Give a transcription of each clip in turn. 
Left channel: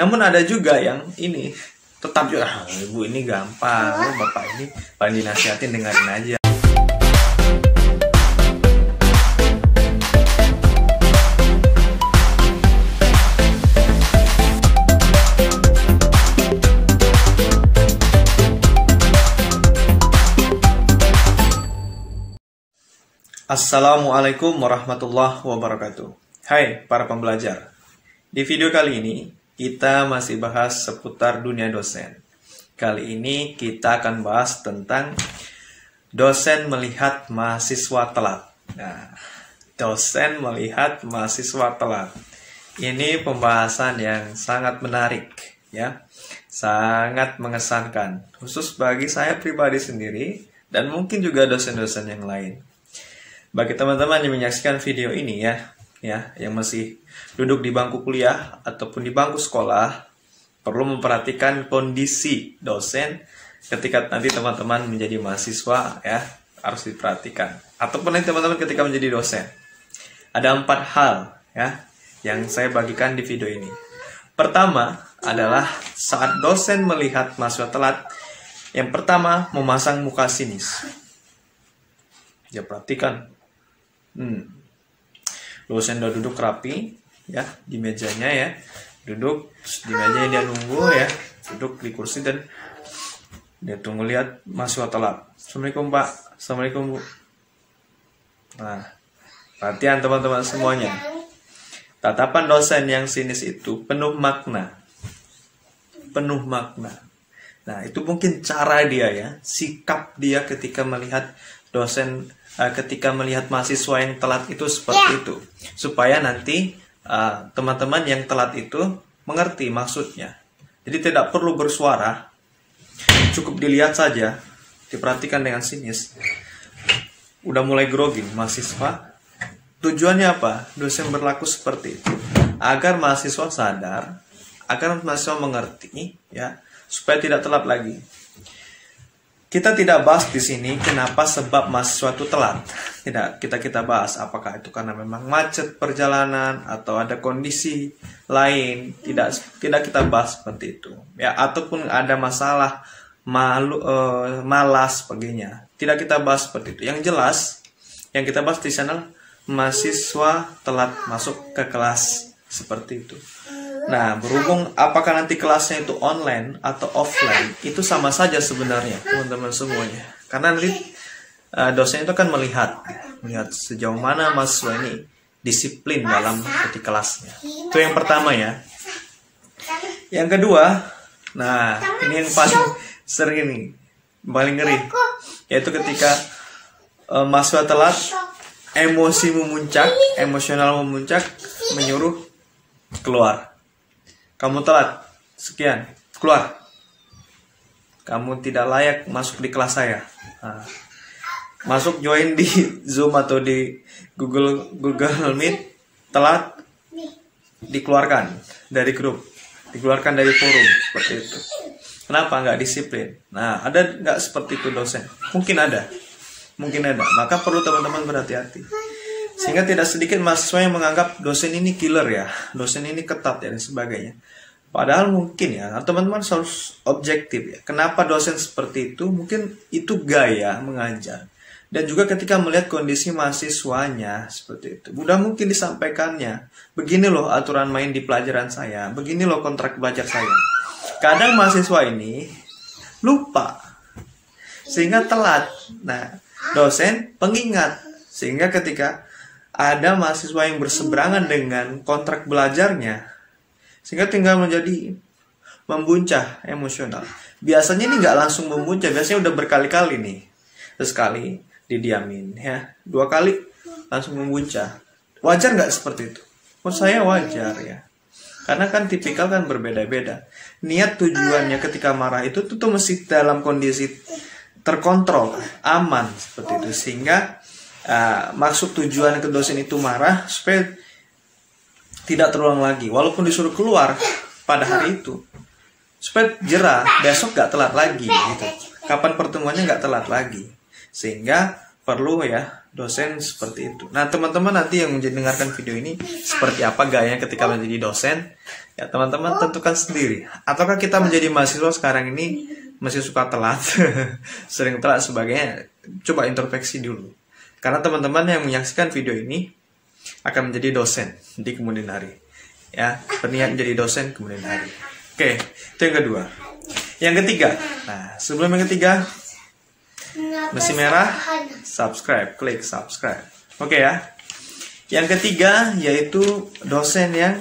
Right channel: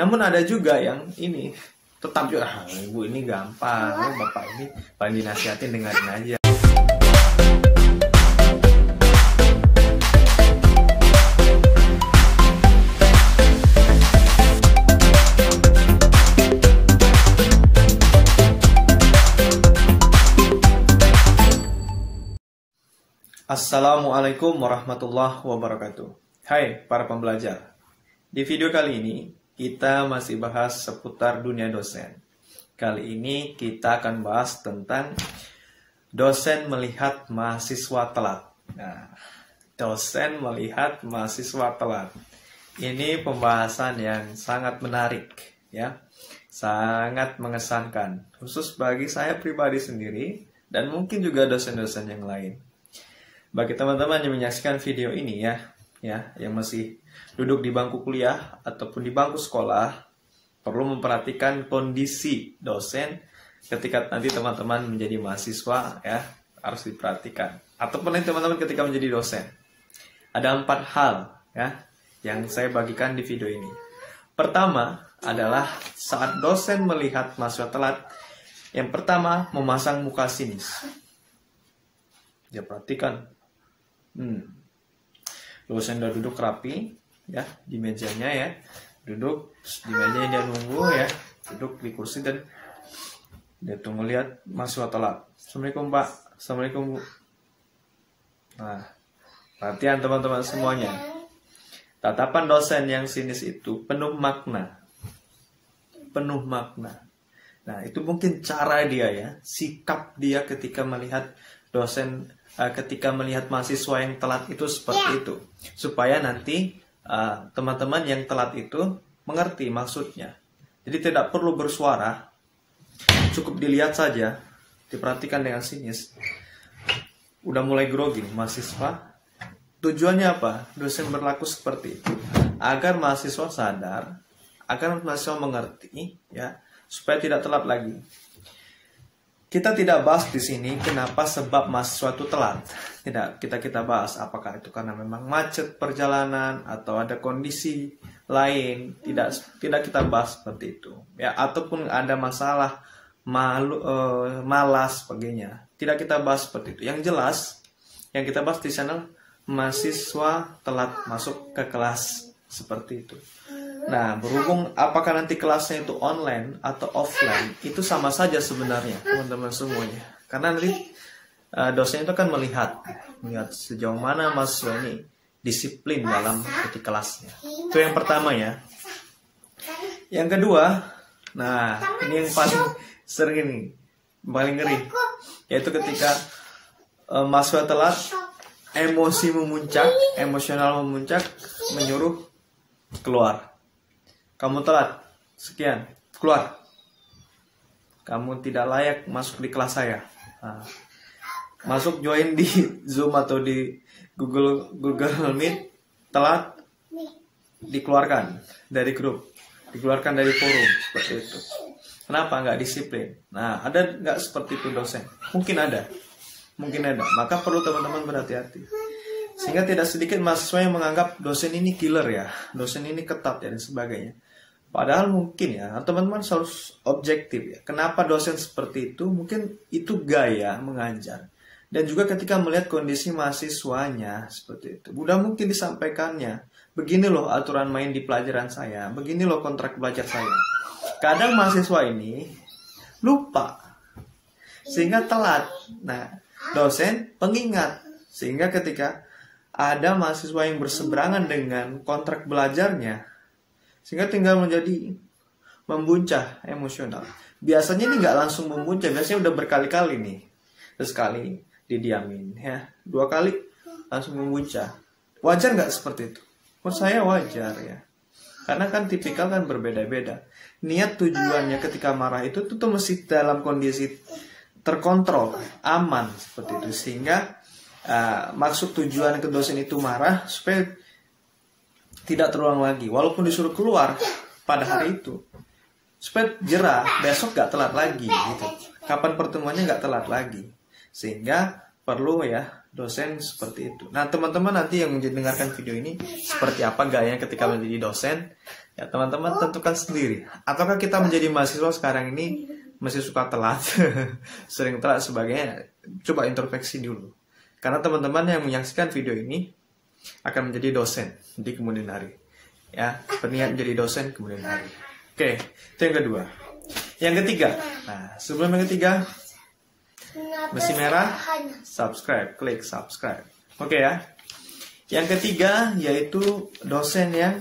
Namun ada juga yang ini tetap juga, ibu ini gampang, bapak ini paling dinasihatin dengerin aja. Assalamualaikum warahmatullahi wabarakatuh. Hai para pembelajar. Di video kali ini kita masih bahas seputar dunia dosen. Kali ini kita akan bahas tentang dosen melihat mahasiswa telat. Nah, dosen melihat mahasiswa telat. Ini pembahasan yang sangat menarik ya. Sangat mengesankan, khusus bagi saya pribadi sendiri dan mungkin juga dosen-dosen yang lain. Bagi teman-teman yang menyaksikan video ini ya, yang masih duduk di bangku kuliah ataupun di bangku sekolah, perlu memperhatikan kondisi dosen ketika nanti teman-teman menjadi mahasiswa ya, harus diperhatikan. Ataupun nanti teman-teman ketika menjadi dosen. Ada 4 hal ya yang saya bagikan di video ini. Pertama adalah saat dosen melihat mahasiswa telat, yang pertama memasang muka sinis. Ya, perhatikan. Dosen udah duduk rapi ya di mejanya ya, duduk di mejanya, dia nunggu ya, duduk di kursi dan dia tunggu lihat mahasiswa telat. Assalamualaikum Pak, Assalamualaikum Bu. Nah, perhatian teman-teman semuanya, tatapan dosen yang sinis itu penuh makna, penuh makna. Nah, itu mungkin cara dia ya, sikap dia ketika melihat dosen, ketika melihat mahasiswa yang telat itu seperti itu, supaya nanti teman-teman yang telat itu mengerti maksudnya. Jadi tidak perlu bersuara, cukup dilihat saja, diperhatikan dengan sinis. Udah mulai grogi mahasiswa. Tujuannya apa? Dosen berlaku seperti itu agar mahasiswa sadar, agar mahasiswa mengerti ya, supaya tidak telat lagi. Kita tidak bahas di sini kenapa sebab mahasiswa itu telat. Tidak kita bahas apakah itu karena memang macet perjalanan atau ada kondisi lain. Tidak kita bahas seperti itu. Ya, ataupun ada masalah malas sebagainya. Tidak kita bahas seperti itu. Yang jelas yang kita bahas di sana, mahasiswa telat masuk ke kelas seperti itu. Nah, berhubung apakah nanti kelasnya itu online atau offline, itu sama saja sebenarnya teman-teman semuanya. Karena nanti dosen itu kan melihat sejauh mana mahasiswa ini disiplin dalam di kelasnya. Itu yang pertama ya. Yang kedua, nah ini yang paling sering nih, paling ngeri, yaitu ketika mahasiswa telat, emosi memuncak, emosional memuncak, menyuruh keluar. Kamu telat, sekian, keluar. Kamu tidak layak masuk di kelas saya. Nah, masuk join di Zoom atau di Google Meet, telat, dikeluarkan dari grup, dikeluarkan dari forum, seperti itu. Kenapa? Nggak disiplin. Nah, ada nggak seperti itu dosen? Mungkin ada. Maka perlu teman-teman berhati-hati. Sehingga tidak sedikit mahasiswa yang menganggap dosen ini killer ya, dosen ini ketat ya, dan sebagainya. Padahal mungkin ya, teman-teman harus objektif ya. Kenapa dosen seperti itu? Mungkin itu gaya mengajar. Dan juga ketika melihat kondisi mahasiswanya seperti itu, mudah mungkin disampaikannya. Begini loh aturan main di pelajaran saya, begini loh kontrak belajar saya. Kadang mahasiswa ini lupa, sehingga telat. Nah, dosen pengingat, sehingga ketika ada mahasiswa yang berseberangan dengan kontrak belajarnya, sehingga tinggal menjadi membuncah emosional. Biasanya ini nggak langsung membuncah, biasanya udah berkali-kali nih. Sekali didiamin ya, 2 kali langsung membuncah. Wajar nggak seperti itu? Menurut saya wajar ya. Karena kan tipikal kan berbeda-beda. Niat tujuannya ketika marah itu tuh mesti dalam kondisi terkontrol, aman seperti itu. Sehingga maksud tujuan ke dosen itu marah supaya tidak terulang lagi, walaupun disuruh keluar pada hari itu, supaya jerah, besok gak telat lagi gitu. Kapan pertemuannya gak telat lagi. Sehingga perlu ya dosen seperti itu. Nah teman-teman nanti yang mendengarkan video ini seperti apa gayanya ketika menjadi dosen, ya teman-teman tentukan sendiri. Ataukah kita menjadi mahasiswa sekarang ini masih suka telat, sering telat sebagainya? Coba introspeksi dulu. Karena teman-teman yang menyaksikan video ini akan menjadi dosen di kemudian hari, ya, berniat menjadi dosen kemudian hari. Oke, itu yang kedua. Yang ketiga, nah sebelum yang ketiga, mesti merah, subscribe, klik subscribe. Oke ya. Yang ketiga yaitu dosen yang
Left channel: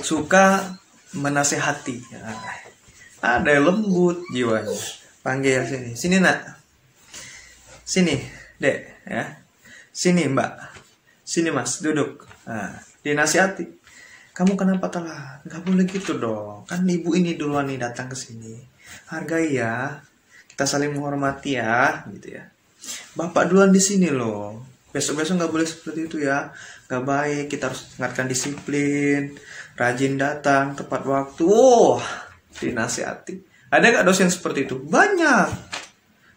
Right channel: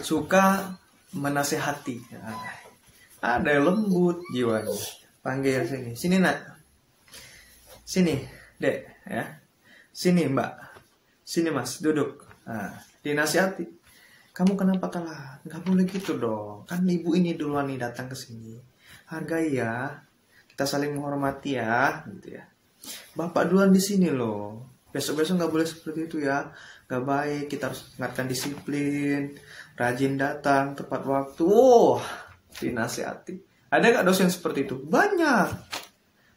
suka menasehati. Nah, ada yang lembut jiwanya. Panggil sini, sini nak, sini dek, ya, sini mbak, sini mas, duduk. Nah, dinasihati. Kamu kenapa telat? Gak boleh gitu dong. Kan ibu ini duluan nih datang ke sini. Hargai ya. Kita saling menghormati ya, gitu ya. Bapak duluan di sini loh. Besok-besok nggak boleh seperti itu ya. Nggak baik. Kita harus ingatkan disiplin, rajin datang tepat waktu. Oh, dinasihati. Ada nggak dosen seperti itu? Banyak,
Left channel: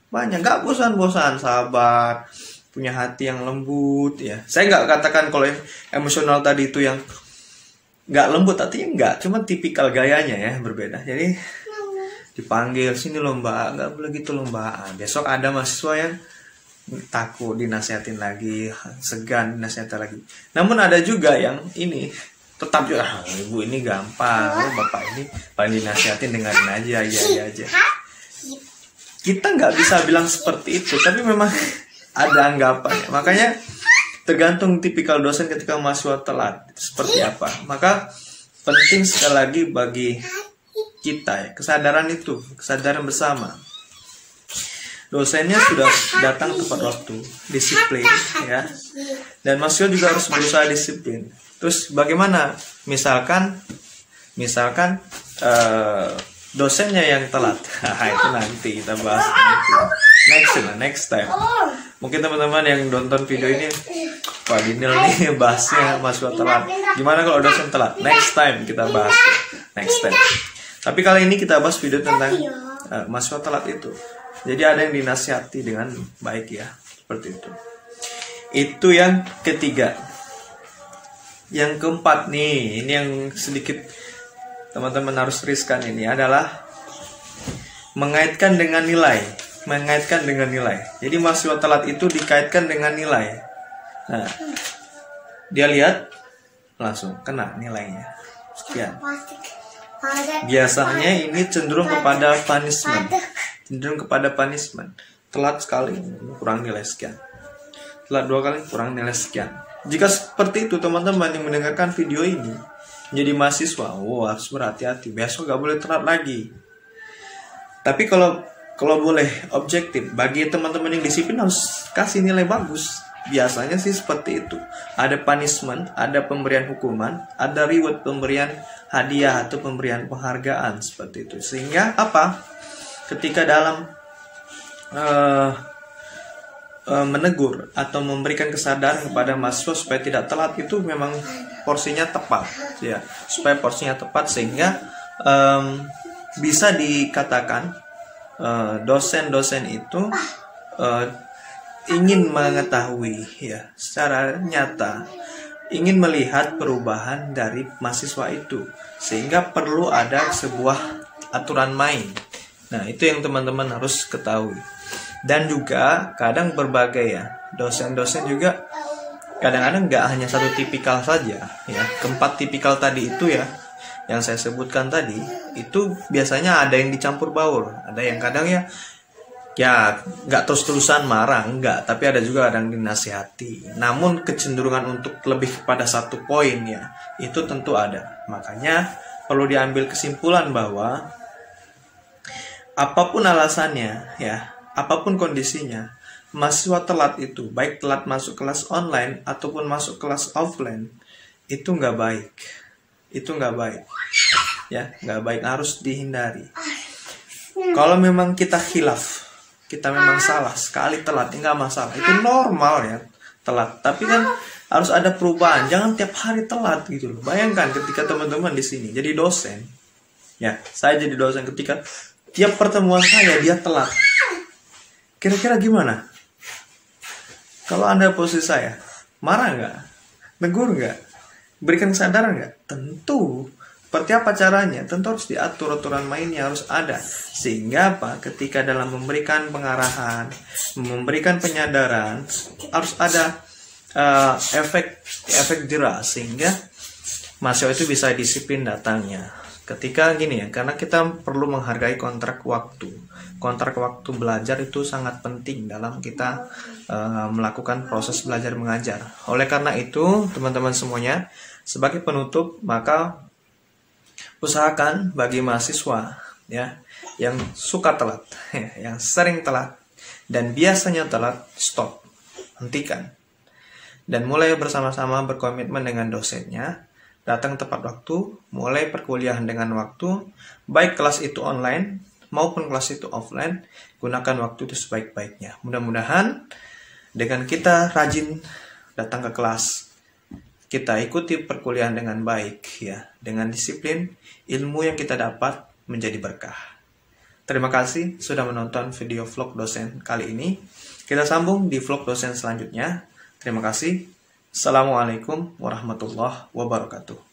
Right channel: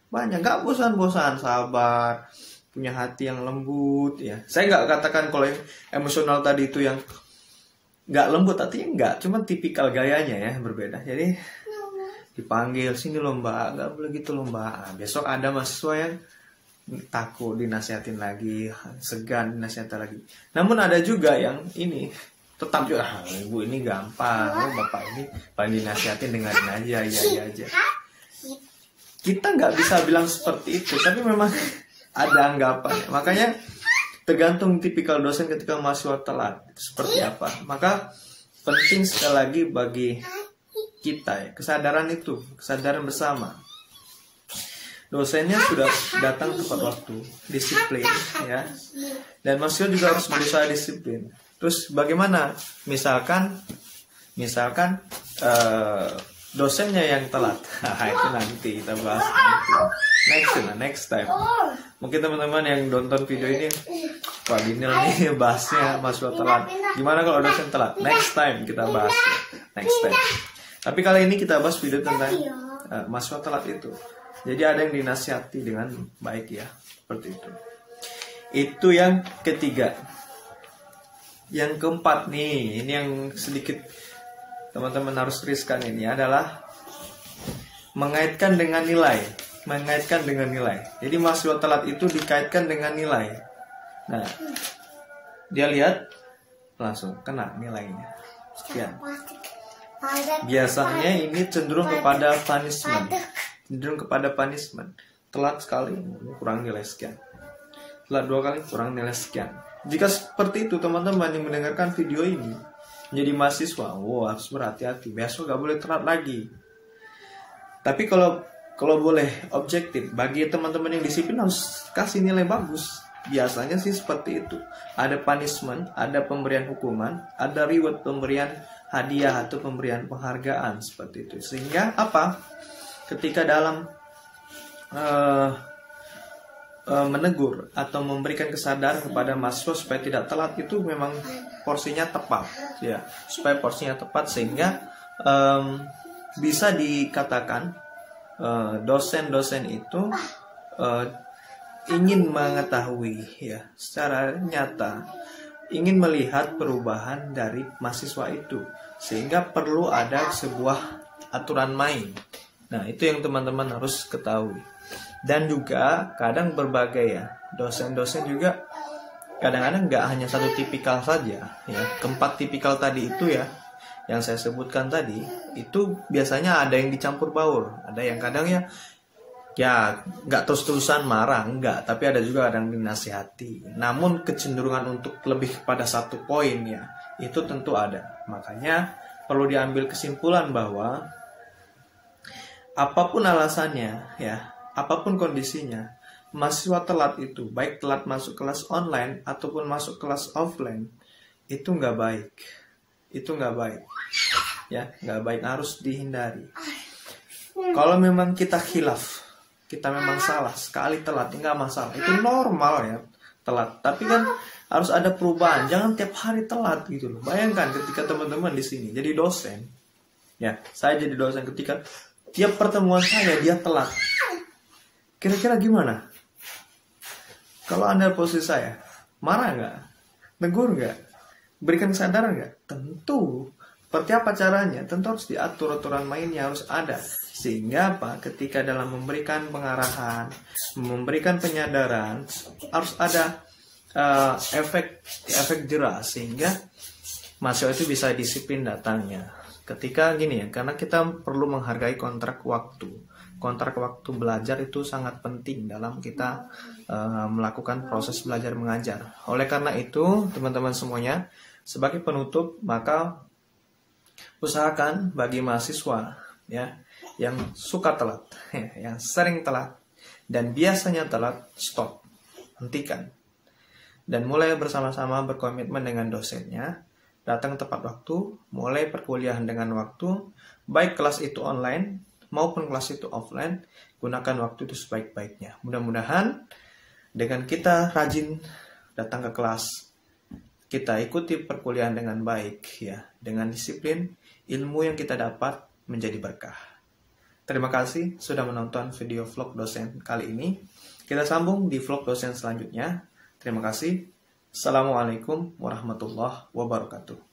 banyak. Nggak bosan-bosan, sabar, punya hati yang lembut ya. Saya nggak katakan kalau emosional tadi itu yang nggak lembut, tapi nggak. Cuma tipikal gayanya ya berbeda. Jadi dipanggil sini loh mbak, nggak boleh gitu loh mbak. Besok ada mahasiswa yang takut dinasihatin lagi, segan dinasihatin lagi. Namun ada juga yang ini tetap juga, ibu ini gampang, bapak ini paling dinasihatin dengerin aja, iya aja. Kita nggak bisa bilang seperti itu, tapi memang ada anggapan. Makanya tergantung tipikal dosen ketika mahasiswa telat seperti apa. Maka penting sekali lagi bagi kita ya, kesadaran itu, kesadaran bersama. Dosennya sudah datang tepat waktu, disiplin ya. Dan mahasiswa juga harus berusaha disiplin. Terus bagaimana? Misalkan dosennya yang telat. Itu nanti kita bahas next time. Mungkin teman-teman yang nonton video ini, Pak Dinil nih bahasnya mahasiswa telat. Gimana kalau dosen telat? Next time kita bahas. Next time. Tapi kali ini kita bahas video tentang mahasiswa telat itu. Jadi ada yang dinasihati dengan baik ya, seperti itu. Itu yang ketiga. Yang keempat nih, ini yang sedikit teman-teman harus riskan ini adalah mengaitkan dengan nilai. Mengaitkan dengan nilai. Jadi mahasiswa telat itu dikaitkan dengan nilai. Nah, dia lihat langsung kena nilainya. Sekian. Biasanya ini cenderung kepada punishment. Telat sekali kurang nilai sekian. Telat 2 kali kurang nilai sekian. Jika seperti itu teman-teman yang mendengarkan video ini menjadi mahasiswa, harus berhati-hati. Besok gak boleh telat lagi. Tapi kalau boleh objektif, bagi teman-teman yang disiplin harus kasih nilai bagus. Biasanya sih seperti itu. Ada punishment, ada pemberian hukuman, ada reward, pemberian hadiah atau pemberian penghargaan seperti itu. Sehingga apa? Ketika dalam menegur atau memberikan kesadaran kepada mahasiswa supaya tidak telat, itu memang porsinya tepat ya. Supaya porsinya tepat sehingga bisa dikatakan dosen-dosen itu ingin mengetahui ya secara nyata, ingin melihat perubahan dari mahasiswa itu, sehingga perlu ada sebuah aturan main. Nah, itu yang teman-teman harus ketahui. Dan juga kadang berbagai ya, dosen-dosen juga kadang-kadang nggak hanya satu tipikal saja ya. Keempat tipikal tadi itu ya, yang saya sebutkan tadi, itu biasanya ada yang dicampur baur. Ada yang kadang ya nggak terus-terusan marah, enggak, tapi ada juga yang dinasihati. Namun kecenderungan untuk lebih kepada satu poin ya, itu tentu ada. Makanya perlu diambil kesimpulan bahwa apapun alasannya ya, apapun kondisinya, mahasiswa telat itu, baik telat masuk kelas online ataupun masuk kelas offline, itu nggak baik. Itu nggak baik ya, nggak baik, harus dihindari. Kalau memang kita khilaf, kita memang salah, sekali telat nggak masalah, itu normal ya telat. Tapi kan harus ada perubahan, jangan tiap hari telat gitu loh. Bayangkan ketika teman-teman di sini jadi dosen ya, saya jadi dosen, ketika tiap pertemuan saya dia telat, kira-kira gimana? Kalau Anda posisi saya, marah nggak? Tegur nggak? Berikan kesadaran nggak? Tentu. Seperti apa caranya? Tentu harus diatur, aturan mainnya harus ada. Sehingga apa? Ketika dalam memberikan pengarahan, memberikan penyadaran, harus ada efek jerah, sehingga mahasiswa itu bisa disiplin datangnya. Ketika gini ya, karena kita perlu menghargai kontrak waktu. Kontrak waktu belajar itu sangat penting dalam kita melakukan proses belajar mengajar. Oleh karena itu, teman-teman semuanya, sebagai penutup, maka usahakan bagi mahasiswa ya yang suka telat, yang sering telat dan biasanya telat, stop, hentikan, dan mulai bersama-sama berkomitmen dengan dosennya, datang tepat waktu, mulai perkuliahan dengan waktu, baik kelas itu online maupun kelas itu offline, gunakan waktu itu sebaik-baiknya. Mudah-mudahan dengan kita rajin datang ke kelas, kita ikuti perkuliahan dengan baik ya, dengan disiplin, ilmu yang kita dapat menjadi berkah. Terima kasih sudah menonton video vlog dosen kali ini. Kita sambung di vlog dosen selanjutnya. Terima kasih. Assalamualaikum warahmatullahi wabarakatuh.